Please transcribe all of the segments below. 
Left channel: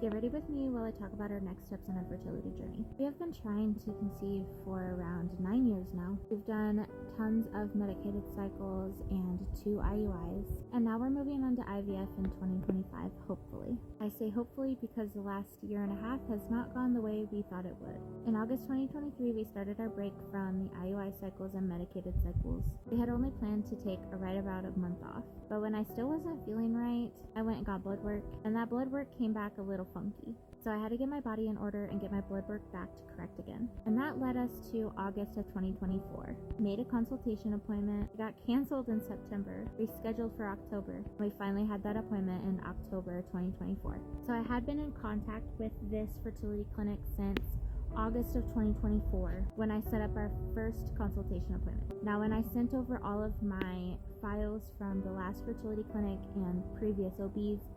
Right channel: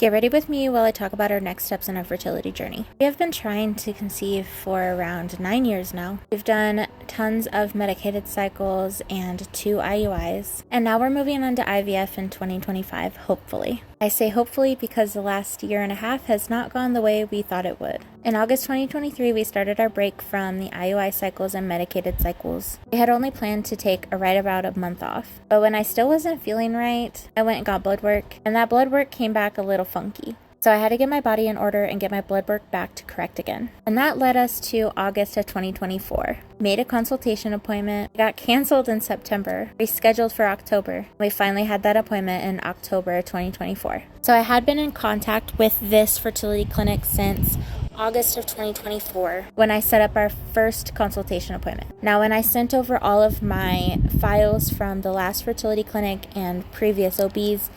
Get ready with me while I talk about our next steps in our fertility journey. We have been trying to conceive for around 9 years now. We've done tons of medicated cycles and 2 IUIs, and now we're moving on to IVF in 2025, hopefully. I say hopefully because the last year and a half has not gone the way we thought it would. In August 2023, we started our break from the IUI cycles and medicated cycles. We had only planned to take right about a month off, but when I still wasn't feeling right, I went and got blood work, and that blood work came back a little funky. So I had to get my body in order and get my blood work back to correct again. And that led us to August of 2024. Made a consultation appointment, got canceled in September, rescheduled for October. We finally had that appointment in October 2024. So I had been in contact with this fertility clinic since August of 2024 when I set up our first consultation appointment. Now, when I sent over all of my files from the last fertility clinic and previous OBs,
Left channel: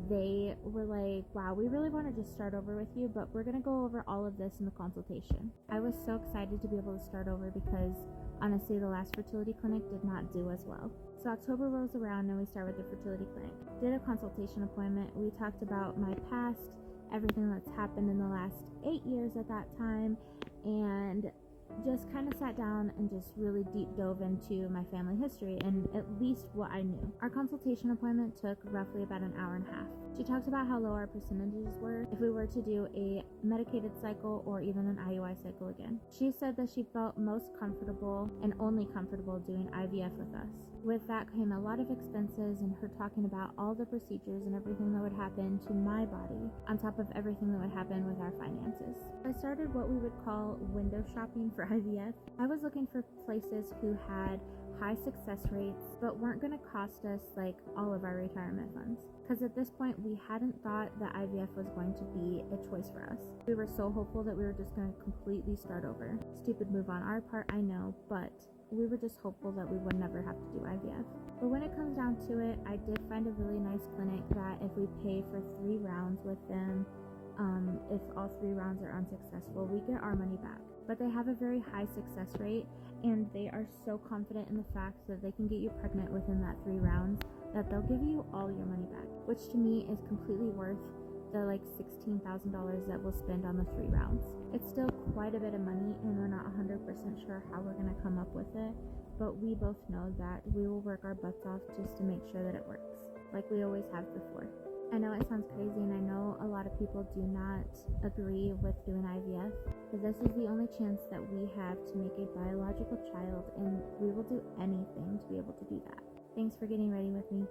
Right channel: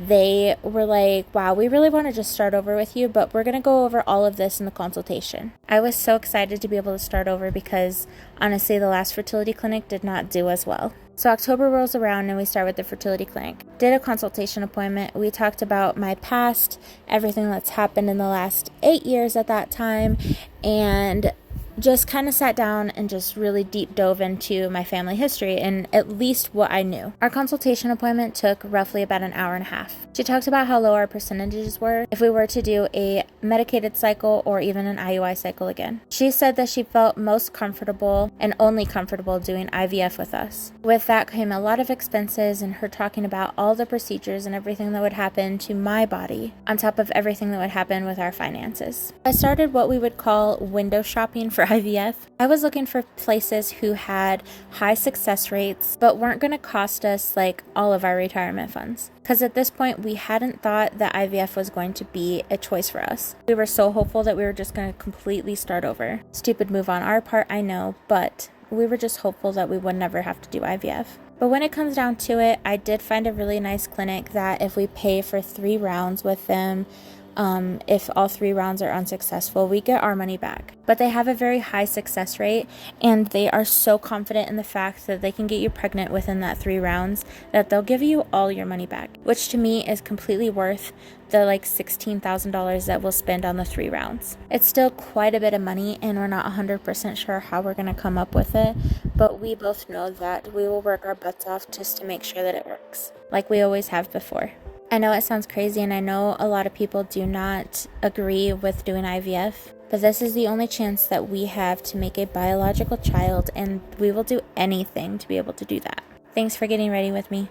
they were like, wow, we really want to just start over with you, but we're going to go over all of this in the consultation. I was so excited to be able to start over because honestly, the last fertility clinic did not do as well. So October rolls around and we start with the fertility clinic. Did a consultation appointment. We talked about my past, everything that's happened in the last 8 years at that time, and just kind of sat down and just really deep dove into my family history and at least what I knew. Our consultation appointment took roughly about an hour and a half. She talked about how low our percentages were if we were to do a medicated cycle or even an IUI cycle again. She said that she felt most comfortable and only comfortable doing IVF with us. With that came a lot of expenses and her talking about all the procedures and everything that would happen to my body on top of everything that would happen with our finances. I started what we would call window shopping for IVF. I was looking for places who had high success rates but weren't going to cost us like all of our retirement funds. Because at this point, we hadn't thought that IVF was going to be a choice for us. We were so hopeful that we were just going to completely start over. Stupid move on our part, I know, but we were just hopeful that we would never have to do IVF. But when it comes down to it, I did find a really nice clinic that if we pay for 3 rounds with them, if all 3 rounds are unsuccessful, we get our money back. But they have a very high success rate, and they are so confident in the fact that they can get you pregnant within that 3 rounds that they'll give you all your money back, which to me is completely worth the like $16,000 that we'll spend on the 3 rounds. It's still quite a bit of money, and we're not 100% sure how we're going to come up with it, but we both know that we will work our butts off just to make sure that it works, like we always have before. I know it sounds crazy, and I know a lot of people do not agree with doing IVF, but this is the only chance that we have to make a biological child, and we will do anything to be able to do that. Thanks for getting ready with me.